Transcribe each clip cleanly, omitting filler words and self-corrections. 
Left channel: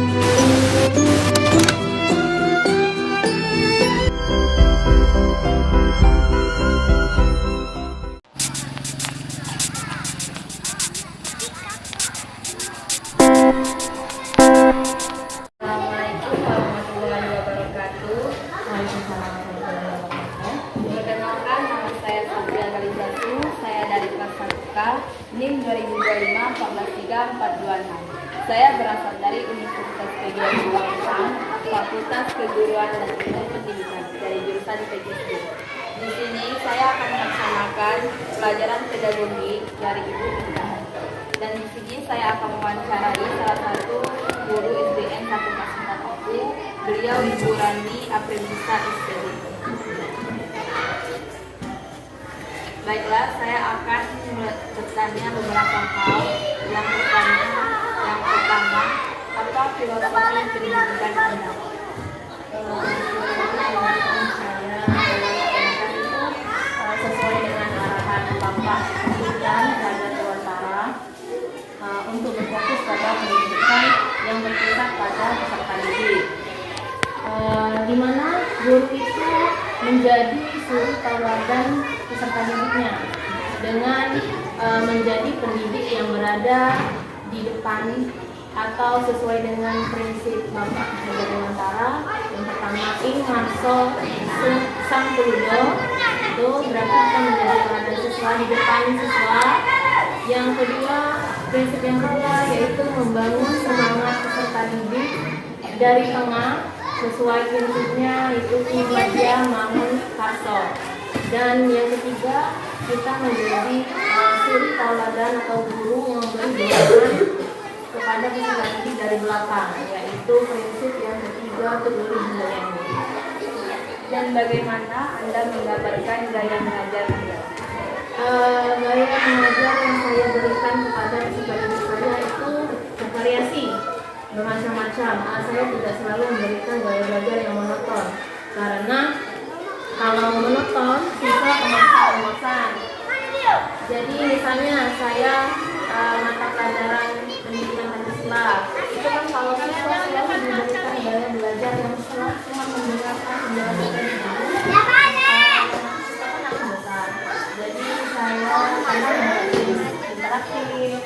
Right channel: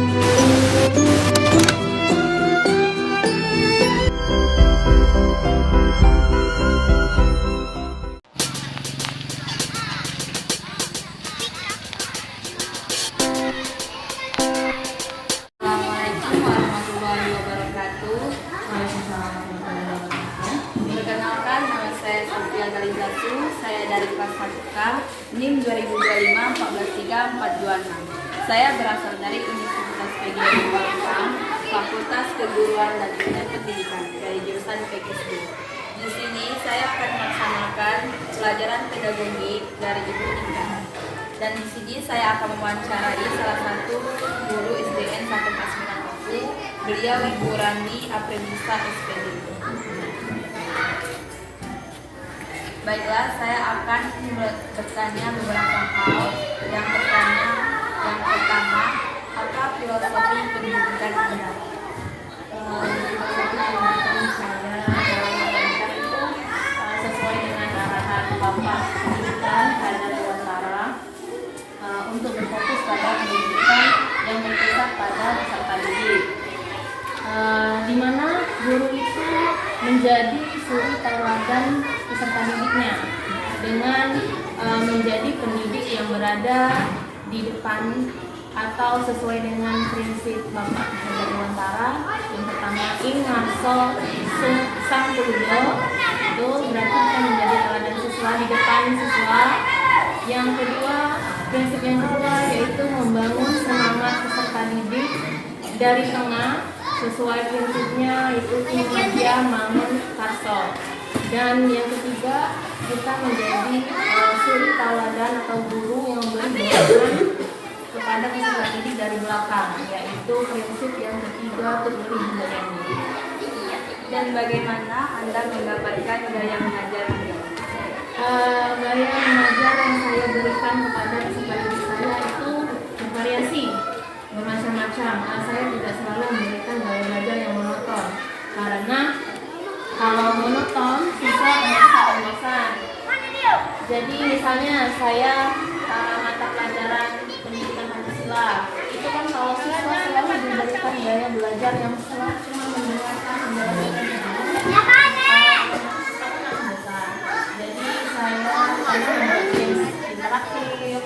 Assalamualaikum warahmatullahi wabarakatuh. Waalaikumsalam warahmatullahi wabarakatuh. Perkenalkan, nama saya Sofia Galizatu. Saya dari kelas 1K, NIM 2025-143-426. Saya berasal dari Universitas PGRI Palembang, Fakultas Keguruan dan Ilmu Pendidikan dari jurusan PGSD. Di sini saya akan melaksanakan pelajaran pedagogi dari Ibu Ika. Dan di sini saya akan mewawancarai salah satu guru SDN 149 beliau Ibu Rani Aprilisa SPD. Baiklah, saya akan bertanya beberapa hal. Yang pertama, apa filosofi pendidikan Anda? Pendidikan saya dalam pendidikan itu sesuai dengan arahan Bapak Pendidikan Raja Dewantara untuk berfokus pada pendidikan yang berpusat pada peserta didik, di mana guru itu menjadi suri tauladan peserta didiknya dengan menjadi pendidik yang berada di depan atau sesuai dengan prinsip Bapak Raja Dewantara. Yang pertama, ing ngarso sang tuludo, itu berarti kita menjadi teladan siswa di depan siswa. Yang kedua, prinsip yang kedua yaitu membangun semangat peserta didik dari tengah sesuai prinsipnya itu kinerja mangun karso. Dan yang ketiga, kita menjadi suri tauladan atau guru yang memberi dorongan kepada peserta didik dari belakang, yaitu prinsip yang ketiga peduli budayanya. Dan bagaimana Anda menggambarkan gaya mengajar Anda? Gaya mengajar yang saya berikan kepada peserta didik saya itu bervariasi, bermacam-macam. Saya tidak selalu memberikan gaya belajar yang monoton, karena kalau monoton siswa bosan. Jadi misalnya saya mata pelajaran pendidikan Pancasila, itu kan kalau siswa selalu diberikan gaya belajar yang selalu cuma mendengarkan penjelasan guru, jadi saya kadang membuat interaktif,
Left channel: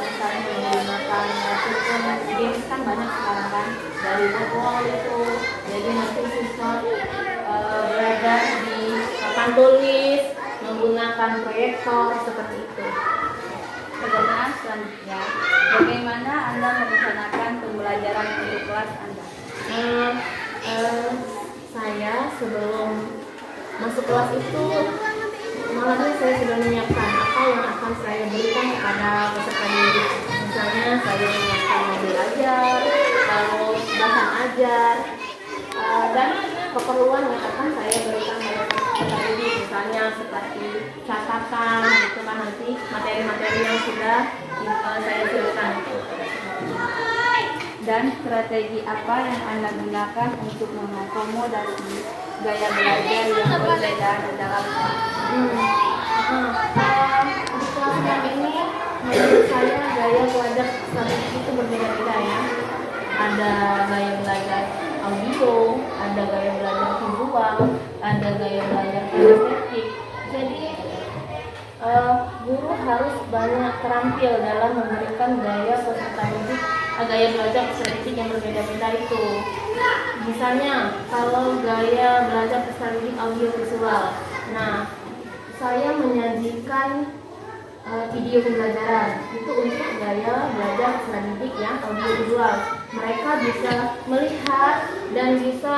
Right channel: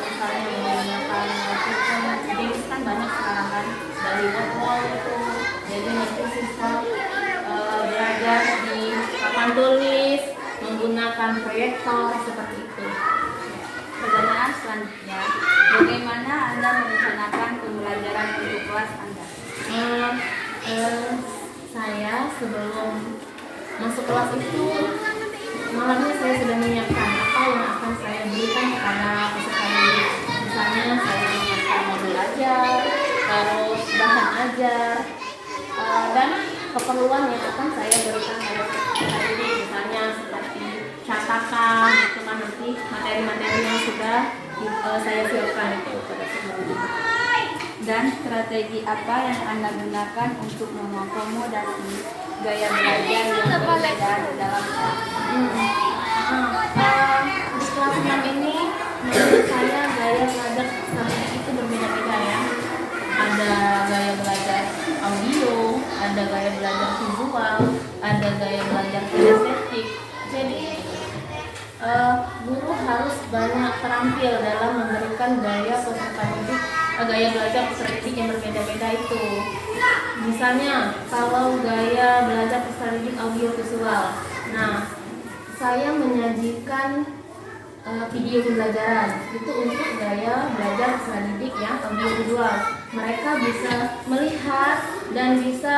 misalnya menggunakan games kan banyak sekarang kan dari wall itu, jadi nanti siswa belajar di papan tulis menggunakan proyektor seperti itu. Pertanyaan selanjutnya, bagaimana Anda merencanakan pembelajaran untuk kelas Anda? Saya sebelum masuk kelas itu malamnya saya sudah menyiapkan apa yang akan saya berikan kepada peserta didik. Misalnya saya menyiapkan modul ajar, terus bahan ajar, dan keperluan yang akan saya berikan pada peserta didik, misalnya seperti catatan, itu kan nanti materi-materi yang sudah saya siapkan itu pada peserta didik. Dan strategi apa yang Anda gunakan untuk mengakomodasi gaya belajar yang berbeda dalam kelas? Di kelas 6 ini menurut saya gaya belajar strategi itu berbeda-beda ya. Ada gaya belajar audio, ada gaya belajar visual, ada gaya belajar kinestetik. Jadi guru harus banyak terampil dalam memberikan gaya peserta didik, gaya belajar strategi yang berbeda-beda itu. Misalnya kalau gaya belajar peserta didik audio visual, nah saya menyajikan video pembelajaran itu untuk gaya belajar peserta didik yang audiovisual. Mereka bisa melihat dan bisa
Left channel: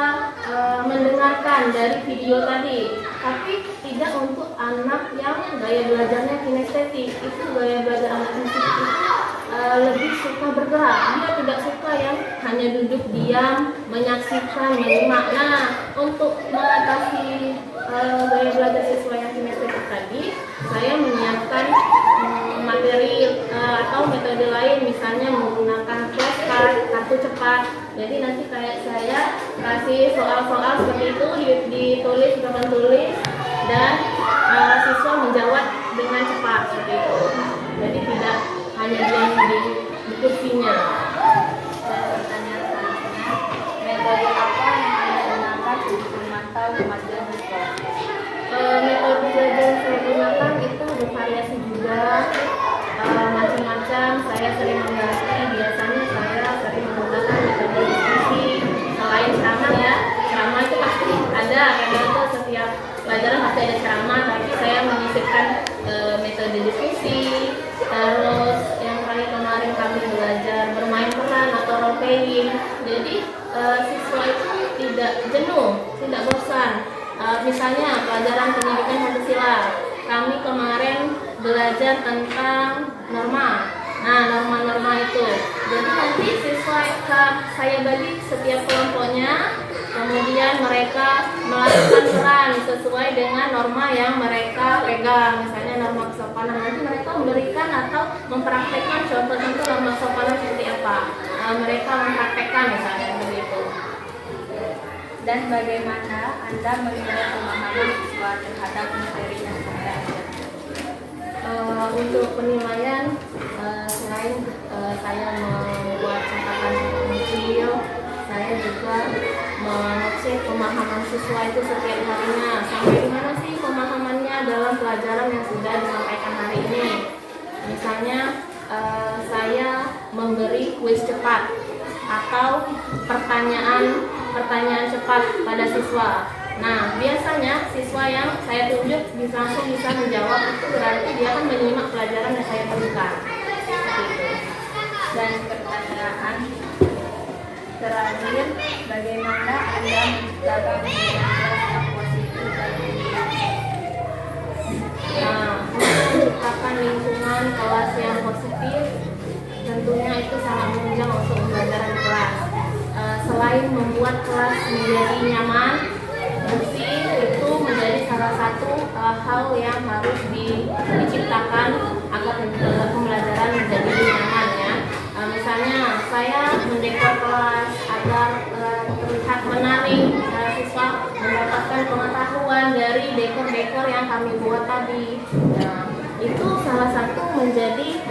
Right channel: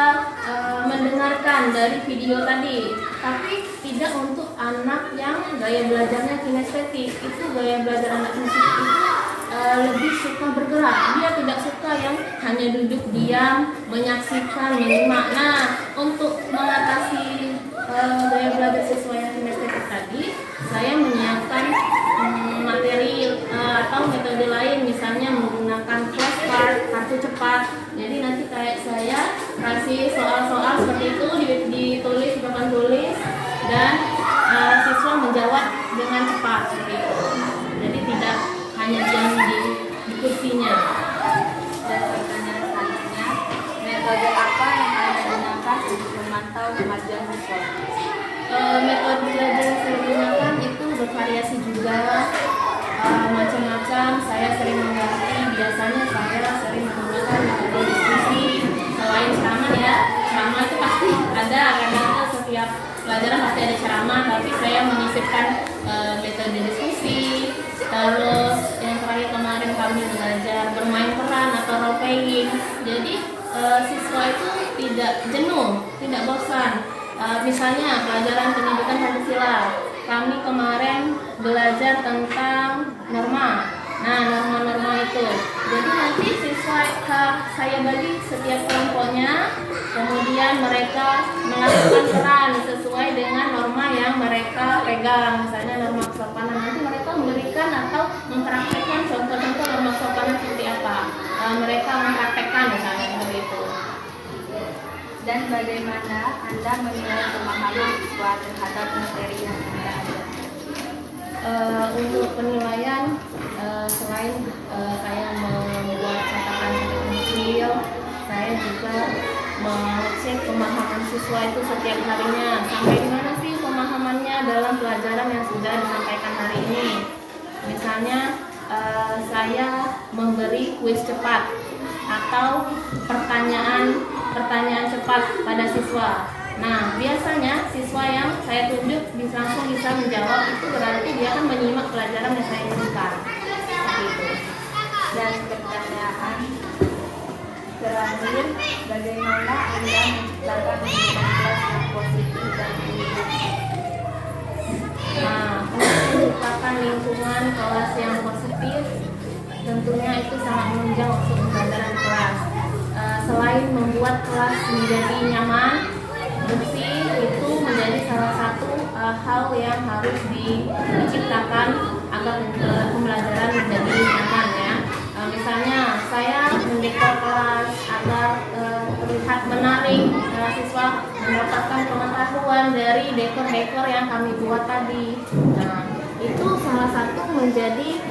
mendengarkan dari video tadi, tapi tidak untuk anak yang gaya belajarnya kinestetik. Itu gaya belajar anak kinestetik itu lebih suka bergerak. Dia tidak suka yang hanya duduk diam, menyaksikan, menyimak. Nah, untuk mengatasi gaya belajar siswa yang kinestetik tadi, saya menyiapkan materi atau metode lain, misalnya menggunakan flashcard, kartu cepat. Jadi nanti kayak saya kasih soal-soal seperti itu ditulis di papan tulis dan siswa menjawab dengan cepat seperti itu. Jadi tidak hanya diam di kursinya. Dan kemajuan siswa? Metode belajar yang saya gunakan itu bervariasi juga, macam-macam. Saya sering mengganti. Biasanya saya sering menggunakan metode diskusi. Selain ceramah ya, ceramah itu pasti ada, karena itu setiap pelajaran pasti ada ceramah. Tapi saya menyisipkan metode diskusi. Terus yang terakhir kemarin kami belajar bermain peran atau role playing. Jadi siswa itu tidak jenuh, tidak bosan. Misalnya pelajaran pendidikan Pancasila, kami kemarin belajar tentang norma. Nah, norma-norma itu. Jadi nanti siswa saya bagi setiap kelompoknya, kemudian mereka melakukan peran sesuai dengan norma yang mereka pegang. Misalnya norma kesopanan, nanti mereka memberikan atau mempraktekkan contoh-contoh norma kesopanan seperti apa. Mereka mempraktekkan misalnya begitu. Dan bagaimana Anda menilai pemahaman siswa terhadap materi yang Anda ajarkan? Untuk penilaian, selain saya membuat catatan kecil, saya juga mengecek pemahaman siswa itu setiap harinya. Sampai di mana sih pemahamannya dalam pelajaran yang sudah disampaikan hari ini. Misalnya, saya memberi kuis cepat atau pertanyaan cepat pada siswa. Nah, biasanya siswa yang saya tunjuk langsung bisa menjawab, itu berarti dia akan menyimak pelajaran yang saya berikan. Seperti itu. Dan pertanyaan terakhir, bagaimana Anda menciptakan lingkungan kelas yang positif dan mendidik? Nah, untuk menciptakan lingkungan kelas yang positif, tentunya itu sangat menunjang untuk pembelajaran kelas. Selain membuat kelas menjadi nyaman, bersih, itu menjadi salah satu hal yang harus diciptakan agar pembelajaran menjadi nyaman ya. Misalnya saya mendekor kelas agar terlihat menarik, siswa mendapatkan pengetahuan dari dekor-dekor yang kami buat tadi. Nah, itu salah satu menjadi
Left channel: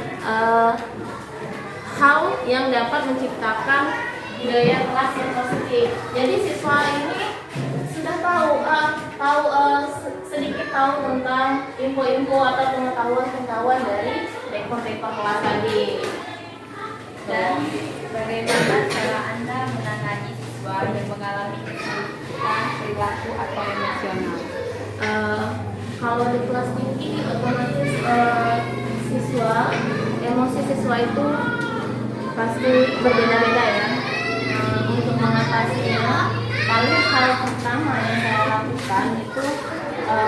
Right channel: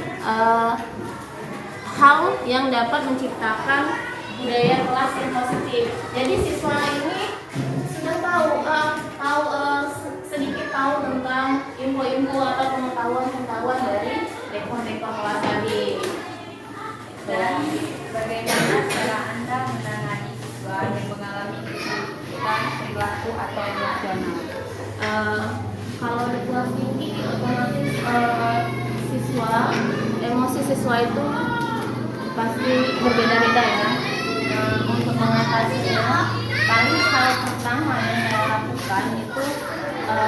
hal yang dapat menciptakan budaya kelas yang positif. Jadi siswa ini sudah tahu sedikit tahu tentang info-info atau pengetahuan dari dekor-dekor kelas tadi. Dan bagaimana cara Anda menangani siswa yang mengalami kesulitan perilaku atau emosional? Kalau di kelas tinggi, otomatis emosi siswa itu pasti berbeda-beda ya. Untuk mengatasinya, paling hal pertama yang saya lakukan itu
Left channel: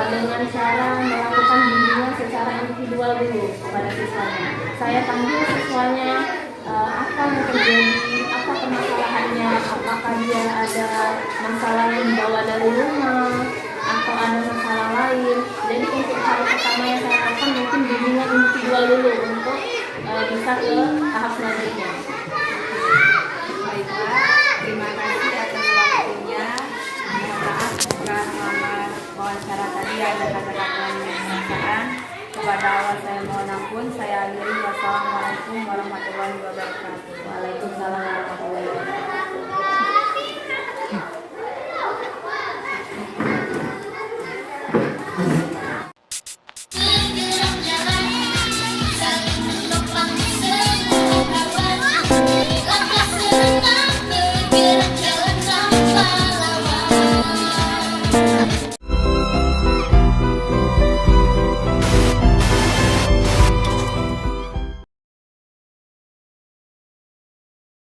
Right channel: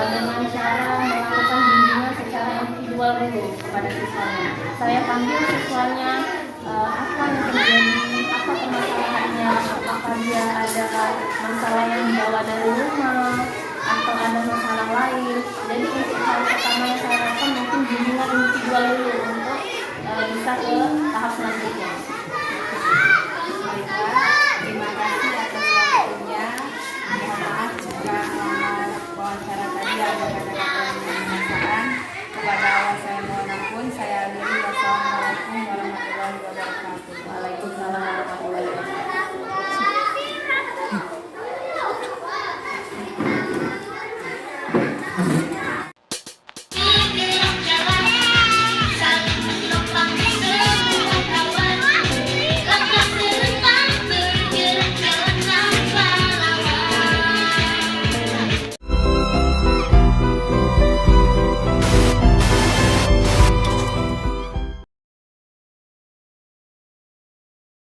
dengan cara melakukan bimbingan secara individual dulu kepada siswanya. Saya panggil siswanya, apa yang terjadi, apa permasalahannya, apakah dia ada masalah yang dibawa dari rumah atau ada masalah lain. Jadi untuk hal pertama yang saya lakukan mungkin bimbingan individual dulu untuk bisa ke tahap selanjutnya. Baiklah, terima kasih atas waktunya. Mohon maaf jika selama wawancara tadi ada kata-kata yang menyesatkan. Kepada Allah saya mohon ampun. Saya akhiri. Wassalamualaikum warahmatullahi wabarakatuh. Waalaikumsalam.